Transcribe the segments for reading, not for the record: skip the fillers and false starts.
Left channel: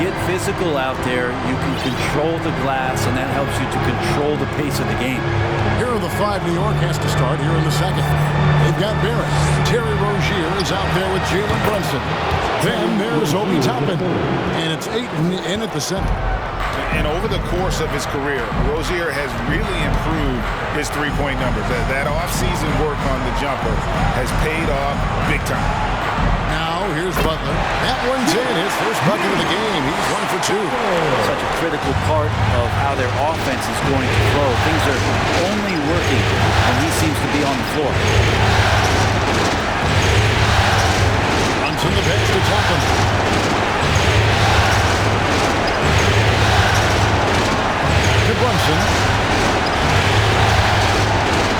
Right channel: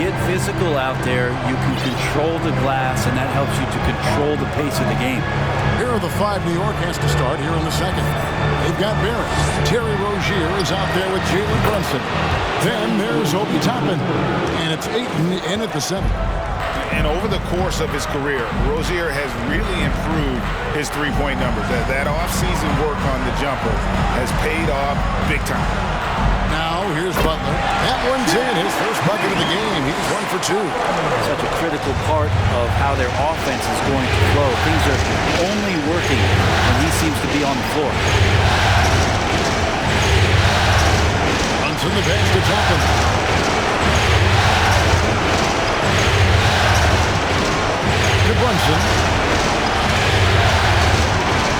get physical out there, you can control the glass, and that helps you to control the pace of the game. Here are the 5 New York has to start here in the second. They've got Barrett. Terry Rozier is out there with Jalen Brunson. Then there's Obi Toppin, and it's Ayton in at the center. And over the course of his career, Rozier has really improved his three-point numbers. That off-season work on the jumper has paid off big time. Now here's Butler. That one's in, his first bucket of the game. He's 1 for 2. Such a critical part of how their offense is going to flow. Things are only working when he seems to be on the floor. Brunson the pass to Toppin. To Brunson.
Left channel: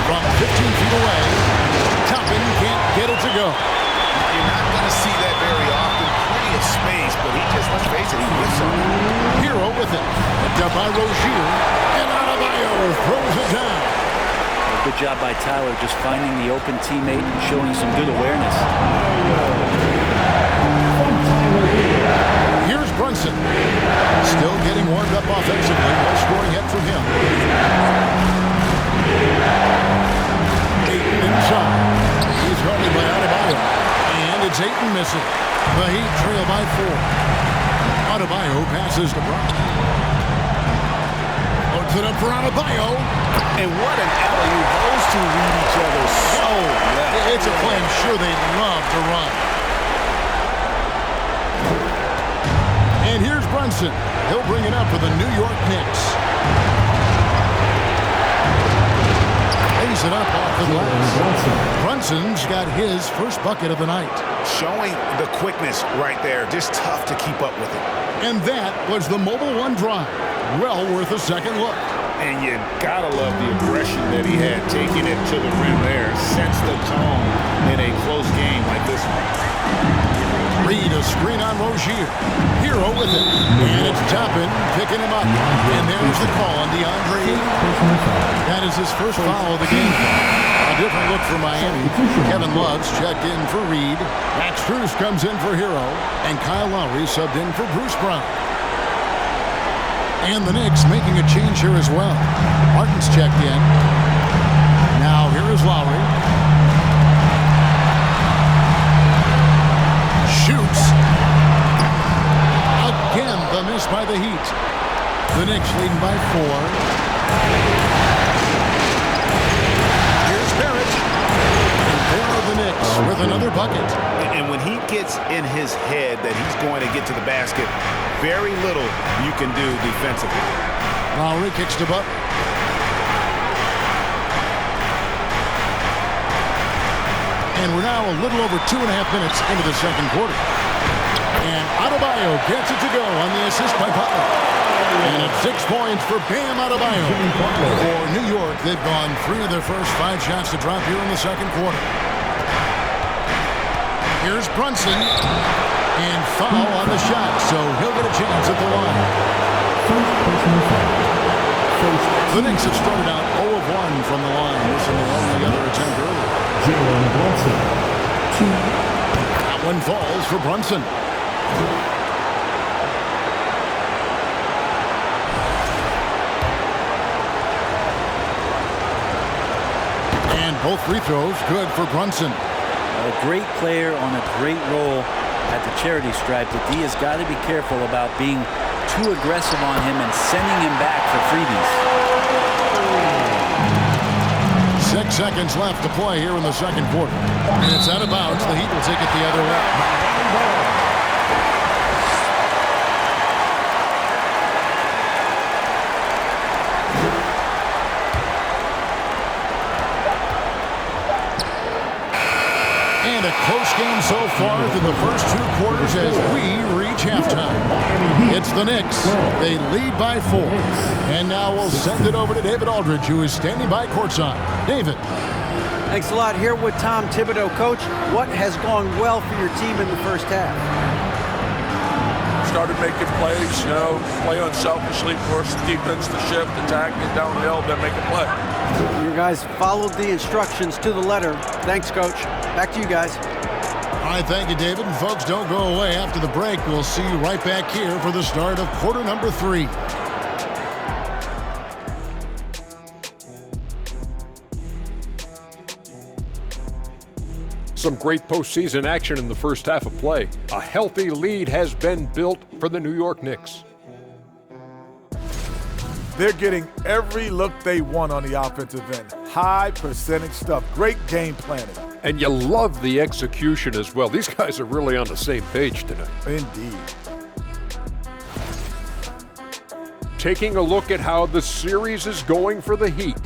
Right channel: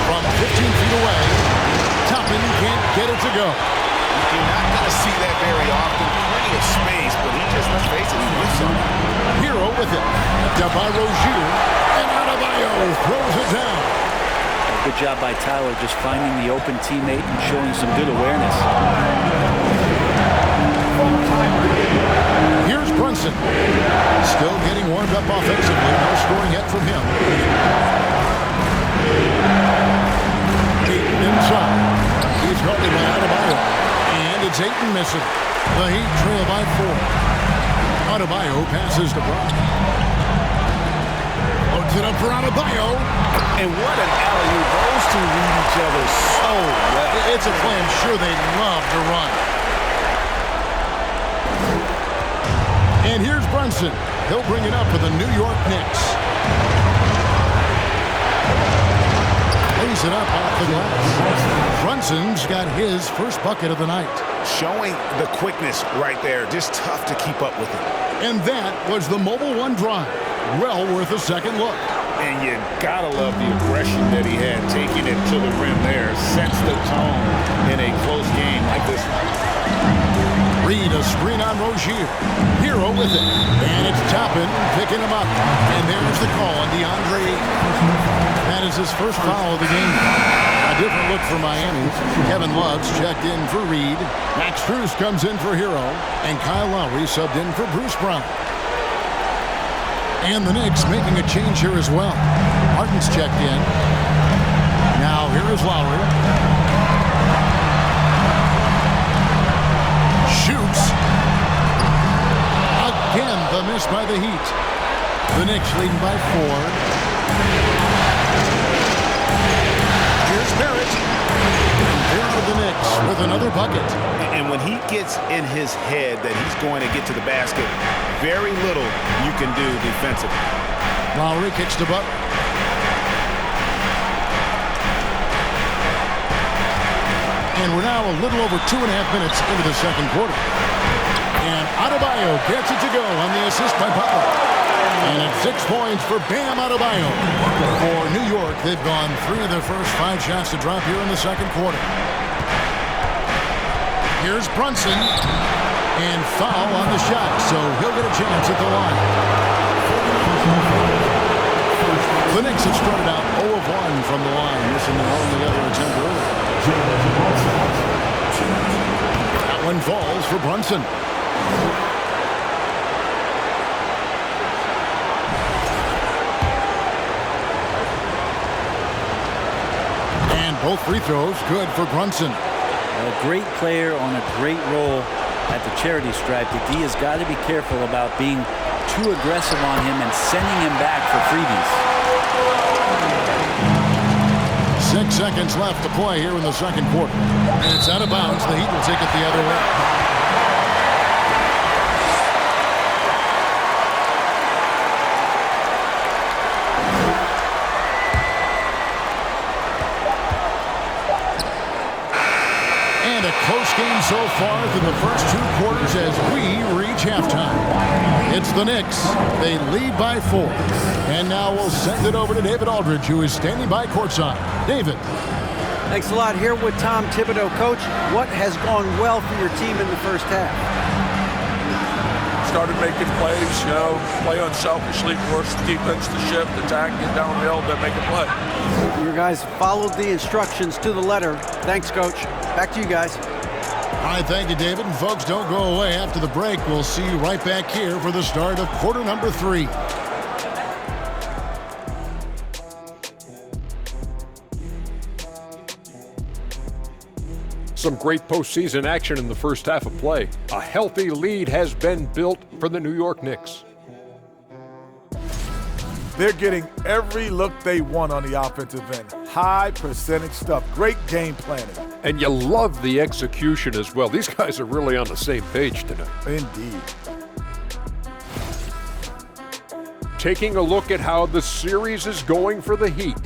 From 15 feet away, Toppin can't get it to go. You're not going to see that very often. Plenty of space, but he just, let's face it, he whiffs on it. Hero with it. Picked up by Rozier. And Adebayo throws it down. Well, good job by Tyler just finding the open teammate and showing some good awareness. Here's Brunson. Still getting warmed up offensively. No scoring yet from him. Ayton inside. He's guarded by Adebayo. And it's Ayton missing. The Heat trail by 4. Adebayo passes to Brown. Loads it up for Adebayo. And what an alley-oop. Those two read each other so well. It's a play I'm sure they'd love to run. And here's Brunson. He'll bring it up for the New York Knicks. Lays it up off the glass. Brunson's got his first bucket of the night. Showing the quickness right there. Just tough to keep up with it. And that was the Mobile One drive. Well worth a second look. And you gotta love the aggression that he had. Taking it to the rim there. Sets the tone in a close game like this one. Reed a screen on Rozier. Hero with it. And it's Toppin picking him up. And there's the call on DeAndre Ayton. That is his first foul of the game. A different look for Miami. Kevin Love's checked in for Reed. Max Strus comes in for Hero. And Kyle Lowry subbed in for Bruce Brown. And the Knicks making a change here as well. Martin's checked in. Now here is Lowry. Shoots. Again, the miss by the Heat. The Knicks leading by 4. Here's Barrett. And there are the Knicks with another bucket. And when he gets in his head that he's going to get to the basket, very little you can do defensively. Lowry kicks to Butler. And we're now a little over 2.5 minutes into the second quarter. And Adebayo gets it to go on the assist by Butler. And it's 6 points for Bam Adebayo. For New York, they've gone 3 of their first 5 shots to drop here in the second quarter. Here's Brunson. And foul on the shot, so he'll get a chance at the line. The Knicks have started out 0 of 1 from the line, missing their only other attempt earlier. That one falls for Brunson. And both free throws good for Brunson. A great player on a great role at the charity stripe. The D has got to be careful about being too aggressive on him and sending him back for freebies. 6 seconds left to play here in the second quarter. And it's out of bounds. The Heat will take it the other way. And a close game so far through the first 2 quarters as we reach halftime. It's the Knicks. They lead by 4. And now we'll send it over to David Aldridge, who is standing by courtside. David. Thanks a lot. Here with Tom Thibodeau. Coach, what has gone well for your team in the first half? Started making plays, play unselfishly, force the defense to shift, attack, get downhill, then make a play. Your guys followed the instructions to the letter. Thanks, Coach. Back to you guys. All right, thank you, David. And folks, don't go away. After the break, we'll see you right back here for the start of quarter number 3. Some great postseason action in the first half of play. A healthy lead has been built for the New York Knicks. They're getting every look they want on the offensive end. High percentage stuff. Great game planning. And you love the execution as well. These guys are really on the same page tonight. Indeed. Taking a look at how the series is going for the Heat.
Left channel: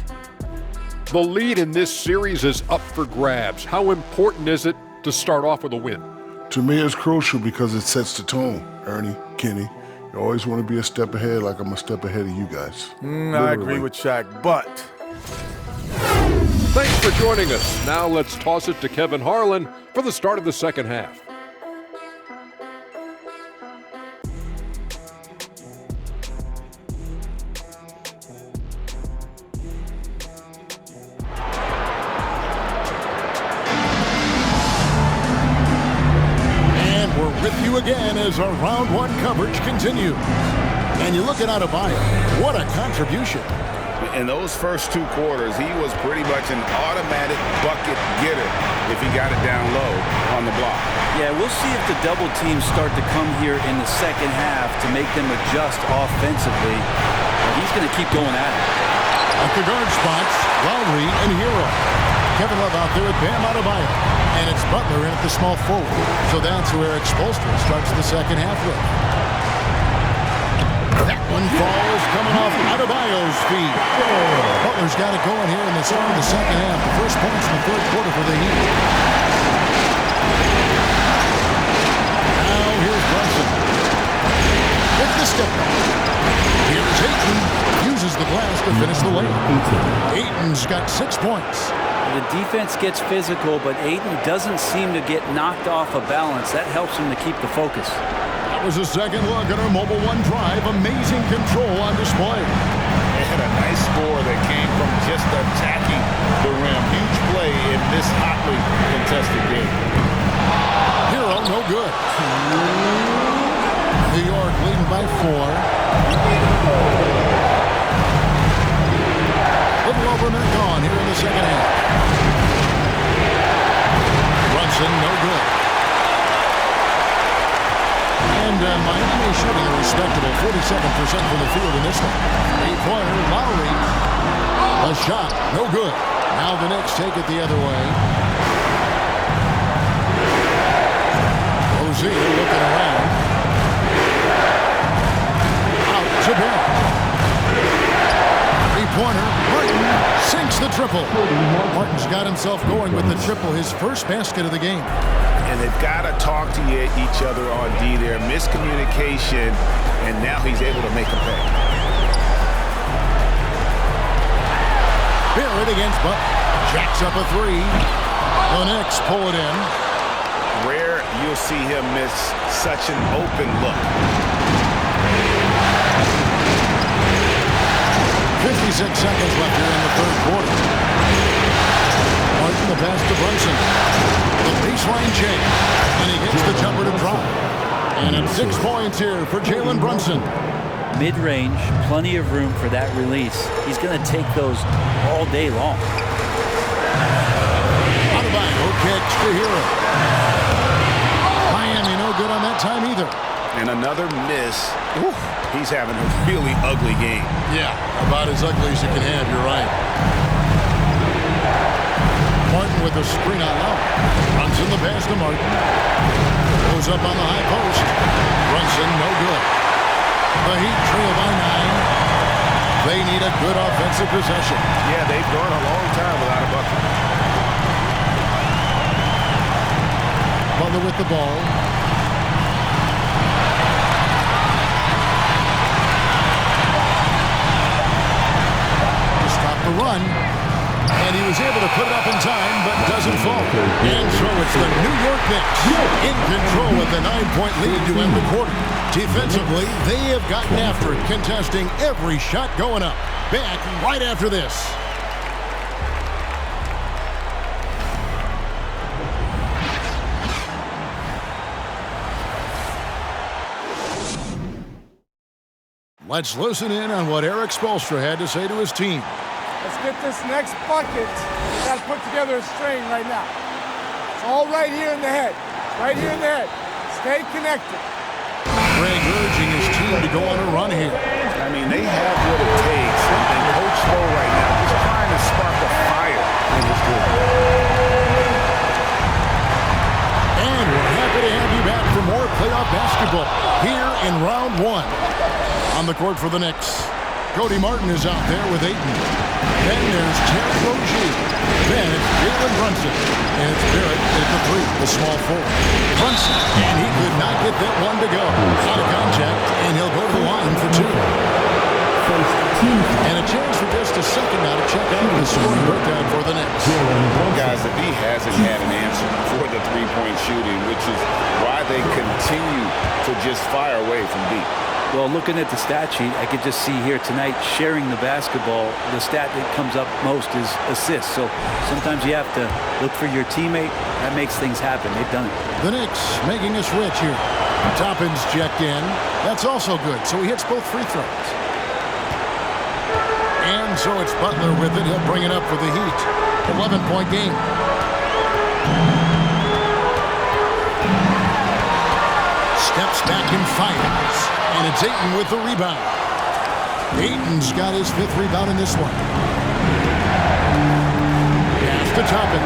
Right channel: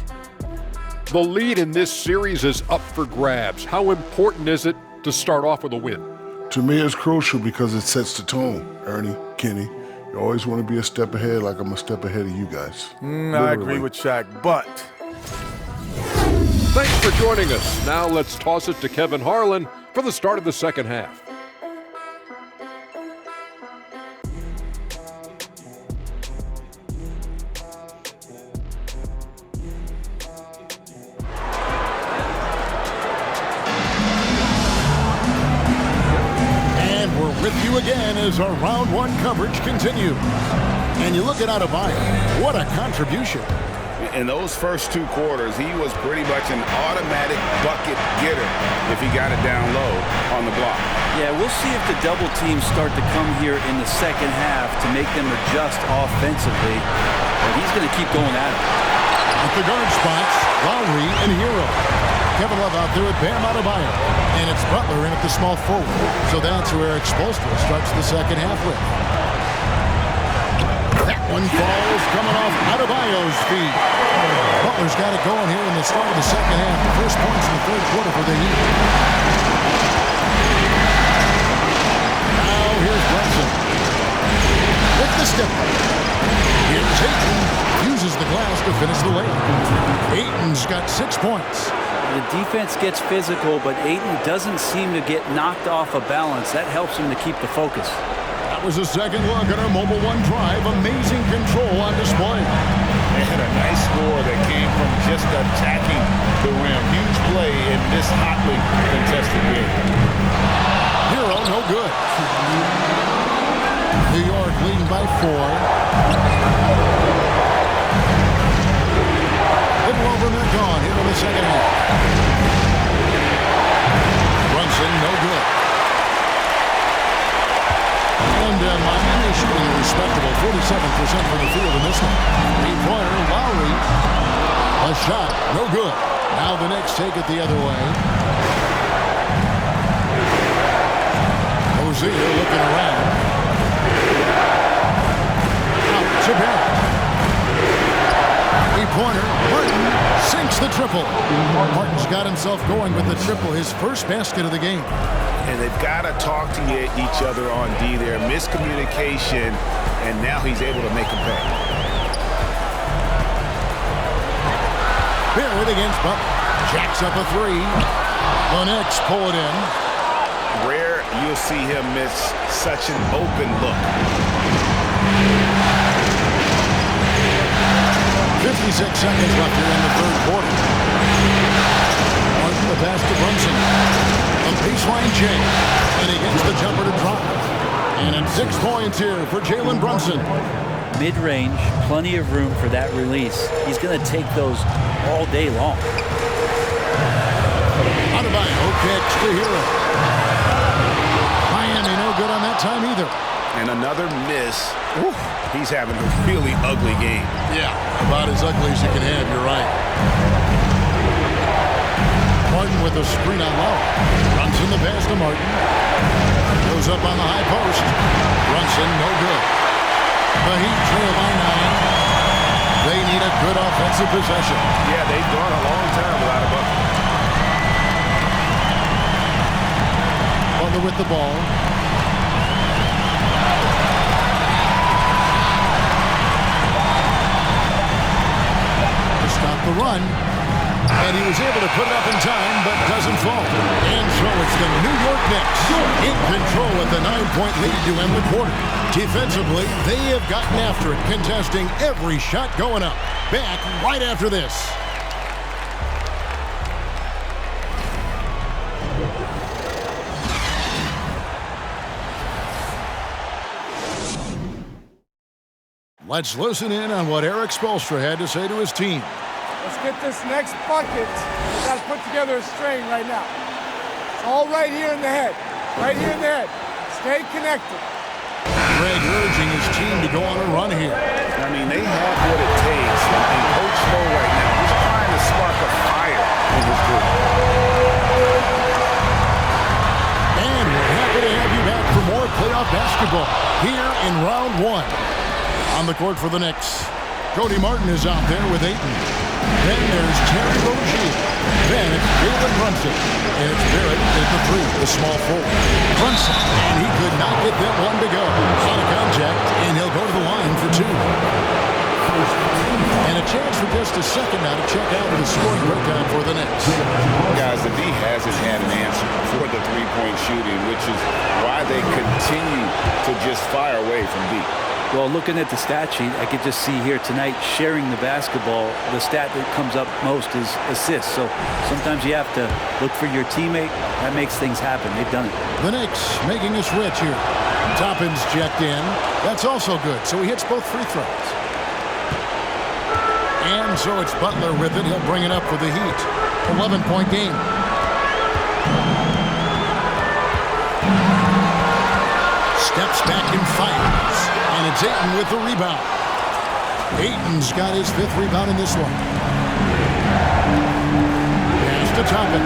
The lead in this series is up for grabs. How important is it to start off with a win? To me, it's crucial because it sets the tone, Ernie, Kenny. You always want to be a step ahead, like I'm a step ahead of you guys. I agree with Shaq, but... Thanks for joining us. Now let's toss it to Kevin Harlan for the start of the second half. We're with you again as our round 1 coverage continues. And you look at Adebayo, what a contribution. In those first 2 quarters, he was pretty much an automatic bucket getter if he got it down low on the block. Yeah, we'll see if the double teams start to come here in the second half to make them adjust offensively. But he's going to keep going at it. At the guard spots, Lowry and Hero. Kevin Love out there with Bam Adebayo. And it's Butler in at the small forward. So that's who Eric Spoelstra starts the second half with. That one falls coming off Adebayo's feet. Butler's got it going here in the start of the second half. The first points in the third quarter for the Heat. Now here's Brunson. With the step back. Here's Ayton. Uses the glass to finish the layup. Ayton's got 6 points. The defense gets physical, but Ayton doesn't seem to get knocked off of balance. That helps him to keep the focus. That was a second look at our Mobile One drive. Amazing control on display. And a nice score that came from just attacking the rim. Huge play in this hotly contested game. Hero, no good. New York leading by 4. Little over a minute gone here in the second half. Brunson, no good. And Miami shooting a respectable 47% from the field in this one. 3-pointer, Lowry. A shot, no good. Now the Knicks take it the other way. Rozier looking around. Out to Barrett. 3-pointer, Martin sinks the triple. Martin's got himself going with the triple, his first basket of the game. And they've got to talk to each other on D there. Miscommunication, and now he's able to make them pay. Barrett against Butler. Jacks up a 3. The Knicks pull it in. Rare you'll see him miss such an open look. 56 seconds left here in the third quarter. Martin the pass to Brunson. The baseline J. And he gets the jumper to drop. And it's 6 points here for Jalen Brunson. Mid-range, plenty of room for that release. He's going to take those all day long. Adebayo kicks to Hero. Miami no good on that time either. And another miss. Whew. He's having a really ugly game. Yeah, about as ugly as you can have, you're right. Martin with a screen on Lowry. Brunson the pass to Martin. Goes up on the high post. Brunson no good. The Heat trail by 9. They need a good offensive possession. Yeah, they've gone a long time without a bucket. Butler with the ball. To stop the run. And he was able to put it up in time, but doesn't fall. And so it's the New York Knicks in control with a 9-point lead to end the quarter. Defensively, they have gotten after it, contesting every shot going up. Back right after this. Let's listen in on what Erik Spoelstra had to say to his team. Let's get this next bucket. We got to put together a string right now. It's all right here in the head. It's right here in the head. Stay connected. Greg urging his team to go on a run here. I mean, they have what it takes. And Coach Spo right now just trying to spark a fire in his group. And we're happy to have you back for more playoff basketball here in round 1. On the court for the Knicks, Cody Martin is out there with Ayton. Then there's Terry Rozier. Then it's Jalen Brunson. And it's Barrett at the 3, the small forward. Brunson, and he could not get that one to go. Out of contact, and he'll go to the line for 2. And a chance for just a second now to check out the scoring breakdown for the Knicks. Guys, the D hasn't had an answer for the three-point shooting, which is why they continue to just fire away from deep. Well, looking at the stat sheet, I could just see here tonight sharing the basketball. The stat that comes up most is assists. So sometimes you have to look for your teammate. That makes things happen. They've done it. The Knicks making a switch here. Toppin's checked in. That's also good. So he hits both free throws. And so it's Butler with it. He'll bring it up for the Heat. 11-point game. Steps back and fires. And it's Ayton with the rebound. Ayton's got his 5th rebound in this one. Pass to Toppin.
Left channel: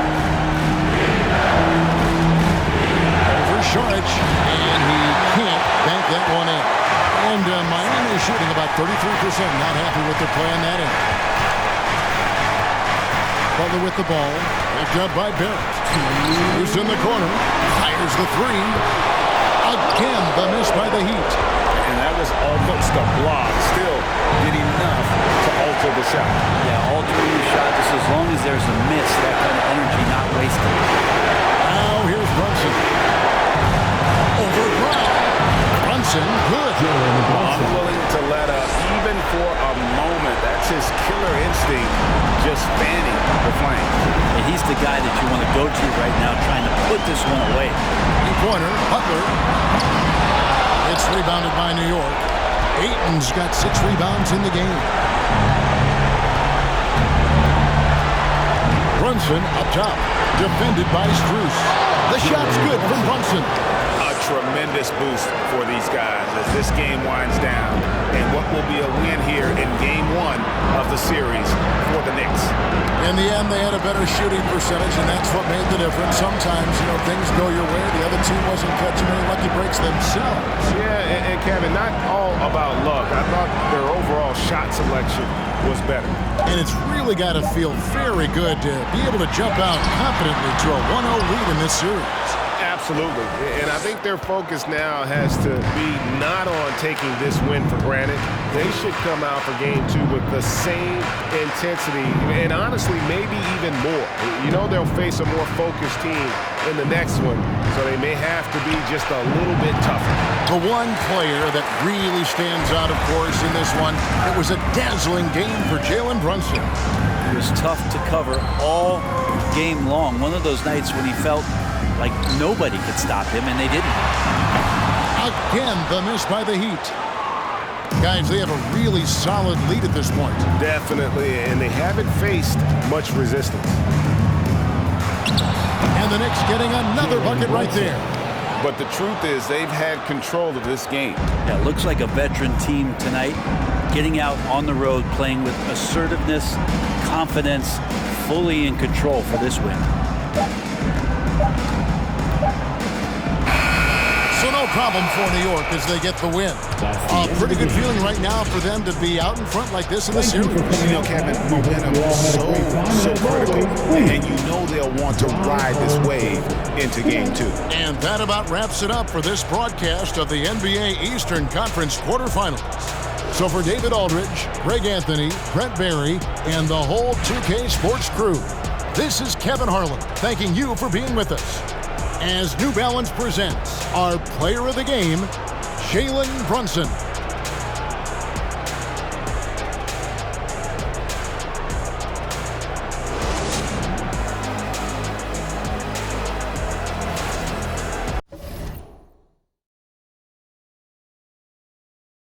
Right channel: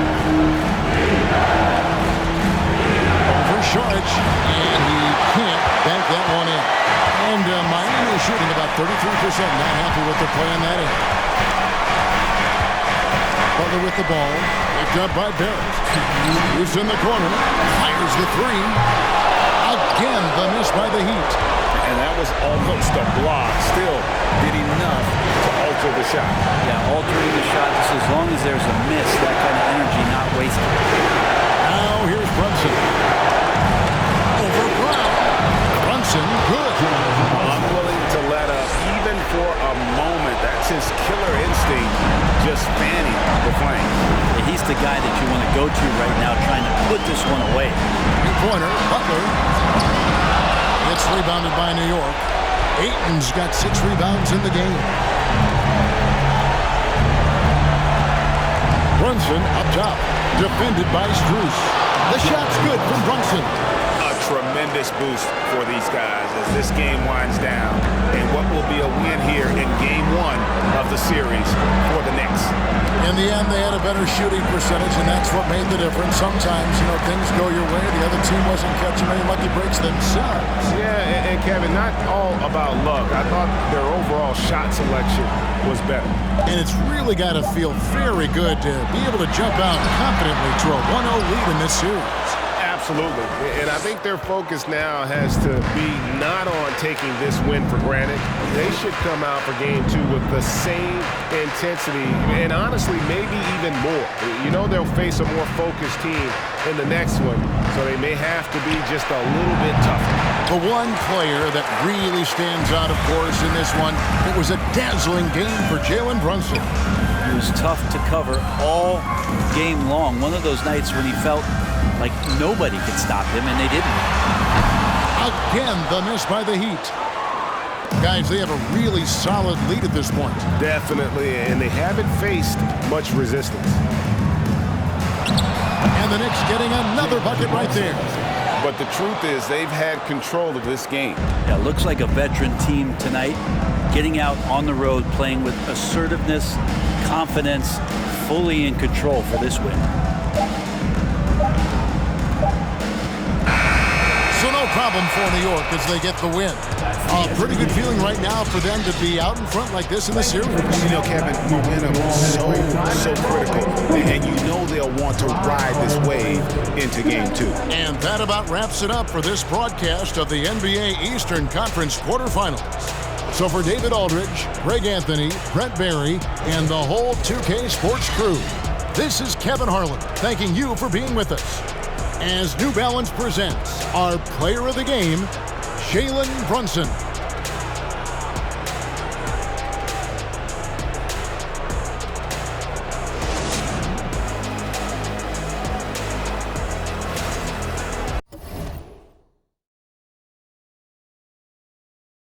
Over Saric. And he can't bank that one in. And Miami is shooting about 33%. Not happy with their play on that end. Butler with the ball. Picked up by Barrett. Who's in the corner. Fires the 3. Again, the miss by the Heat. And that was almost a block. Still did enough to alter the shot. Yeah, altering the shot just as long as there's a miss, that kind of energy not wasted. Now here's Brunson. Over Brown. Brunson, good. Unwilling to let up even for a moment. That's his killer instinct, just fanning the flames. And he's the guy that you want to go to right now, trying to put this one away. Three-pointer, Butler. It's rebounded by New York. Ayton's got 6 rebounds in the game. Brunson up top, defended by Strus. The shot's good from Brunson. A tremendous boost for these guys as this game winds down, and what will be a win here in Game 1 of the series for the Knicks. In the end, they had a better shooting percentage, and that's what made the difference. Sometimes, things go your way. The other team wasn't catching many lucky breaks themselves. Yeah, and Kevin, not all about luck. I thought their overall shot selection was better. And it's really got to feel very good to be able to jump out confidently to a 1-0 lead in this series. Absolutely. And I think their focus now has to be not on taking this win for granted. They should come out for Game 2 with the same intensity and honestly maybe even more. They'll face a more focused team in the next one, so they may have to be just a little bit tougher. The one player that really stands out, of course, in this one, it was a dazzling game for Jalen Brunson. He was tough to cover all game long. One of those nights when he felt like nobody could stop him, and they didn't. Again, the miss by the Heat. Guys, they have a really solid lead at this point. Definitely, and they haven't faced much resistance. And the Knicks getting another bucket right there. But the truth is they've had control of this game. Yeah, looks like a veteran team tonight, getting out on the road, playing with assertiveness, confidence, fully in control for this win. So no problem for New York as they get the win. A pretty good feeling right now for them to be out in front like this in the series. Kevin, momentum is so critical. And they'll want to ride this wave into Game 2. And that about wraps it up for this broadcast of the NBA Eastern Conference quarterfinals. So for David Aldridge, Greg Anthony, Brent Barry, and the whole 2K Sports crew, this is Kevin Harlan thanking you for being with us as New Balance presents our player of the game, Jalen Brunson.